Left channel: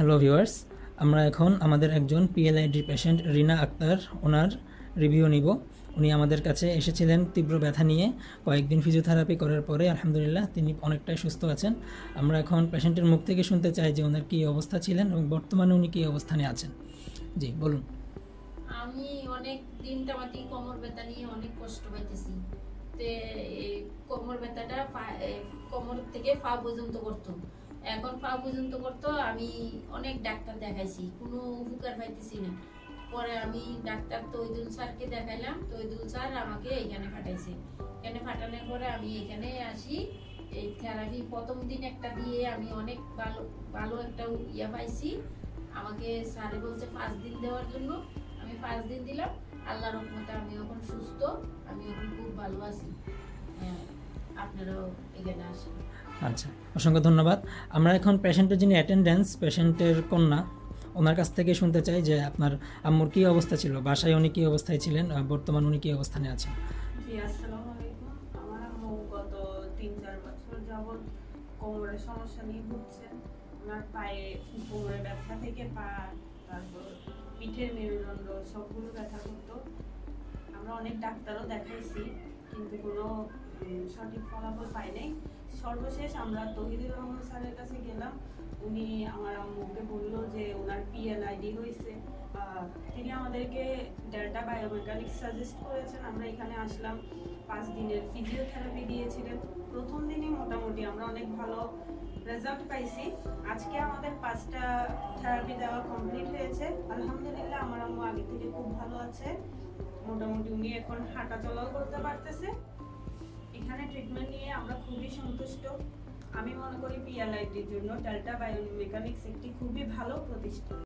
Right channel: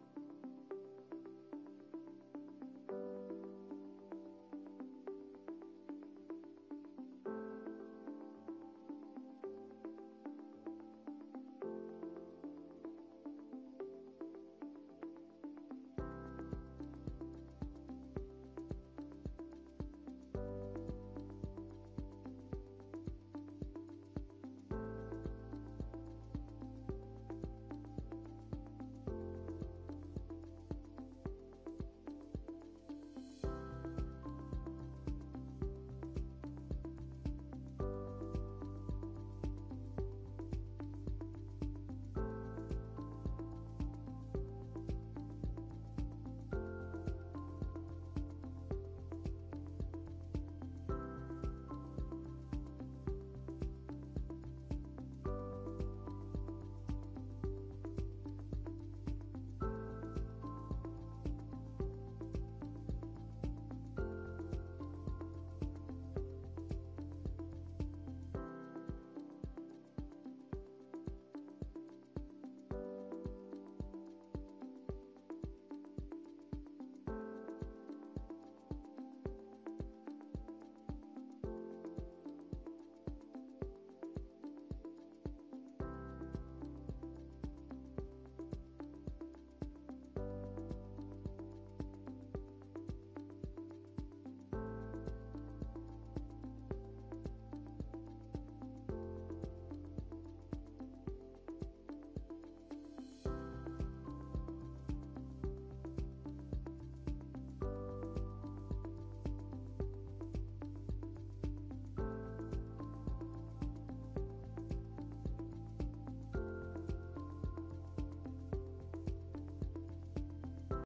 Hello viewers, আমরা এখন আমাদের একজন পিএলআইডি পেশেন্ট রিনা আক্তার ওনার রিভিউ নিব। উনি আমাদের কাছে এসেছিলেন তীব্র ব্যথা নিয়ে। কয়েকদিন ফিজিওথেরাপি করার পরে আলহামদুলিল্লাহ তিনি অনেকটাই সুস্থ আছেন। আমরা এখন পেশেন্টের মুখ থেকে শুনতে চাই যে ওনার কী অবস্থা ছিলেন এবং বর্তমানে উনি কী অবস্থানে আছেন। জি বলুন। আমি অনেক দিন টামাতি কোমর ব্যথা নিয়ে অনেক কষ্ট পাইতেছি। কোমর ব্যথাটা কোমর থেকে পা পর্যন্ত করতো। এখন পা পর্যন্ত করতো। আমি অনেক ডাক্তার দেখাইছি, কোনো উপকার পাইতেছি না। পরে আমি ডাক্তার তৈদুল স্যারকে দেখাইলাম। তৈদুল স্যার আমাকে এখানে পাঠাইছে। এখানে পাঠানোর পরে আমি এখানে আসি। এই থেরাপি প্রথম দিন একটা দিয়ে আমি অনেক ভালো ভালো একটা ইয়া পাইছি। আমাকে স্যারে বলছে 5 দিন দেওয়ার জন্য। আমি 5 দিন দিলাম। আল্লাহর রহমতে আমি এখন সুস্থ, আমি এখন খুব ভালো আছি। আপনারাও এখানে আসেন। আচ্ছা, অসংখ্য ধন্যবাদ। আমরা এখন পেশেন্টের যিনি অ্যাটেন্ডেন্স, পেশেন্টের কন্যা, ওনার কাছ থেকে শুনতে চাই যে আপনার আম্মুর কী অবস্থা ছিল, বাসায় উনি কী অবস্থায় ছিলেন, বর্তমান উনি কী অবস্থানে আছেন। জি, আসসালামু আলাইকুম। আমার আম্মু গত 3-4 বছর যাবৎ কোমরের সমস্যা নিয়ে ভুগছেন। ওনার পায়ে কোমরের ব্যথা থেকে পা, তারপর পিঠের মেরুদণ্ড সবগুলো ব্যথা করতো। আমরা অনেক ডাক্তারও দেখাইছি, কিন্তু কোনো সঠিক ফলাফল পাই নাই। সর্বশেষ আমরা তহিদুর রহমান স্যারের কাছে গেলাম। উনি আমার আম্মুকে বললো যে ওনার পিএলআইডি হয়েছে। তিনি আমাদেরকে ডেল্টা বায়োমেকানিক্স সাজেস্ট করেছেন। আমরা এখানে আসলাম, 5 দিনের ফিজিওথেরাপি দিয়েছিলেন। প্রথম দিনই মোটামুটি আমরা অনেক ভালো রেজাল্ট পাইছি। আজকে আমাদের 5টা থেরাপি দেওয়া কমপ্লিট হয়েছে। আলহামদুলিল্লাহ আমার আম্মু আগে থেকে খুব ভালো আছে। মোটামুটি উনি এখন হাঁটা চলাও করতে পারতেছে। এখানে ট্রিটমেন্ট নিয়ে আমরা খুবই সন্তুষ্ট। আমি মনে করি পিএলআইডির জন্য ডেল্টা বায়োমেকানিক্স একটি খুব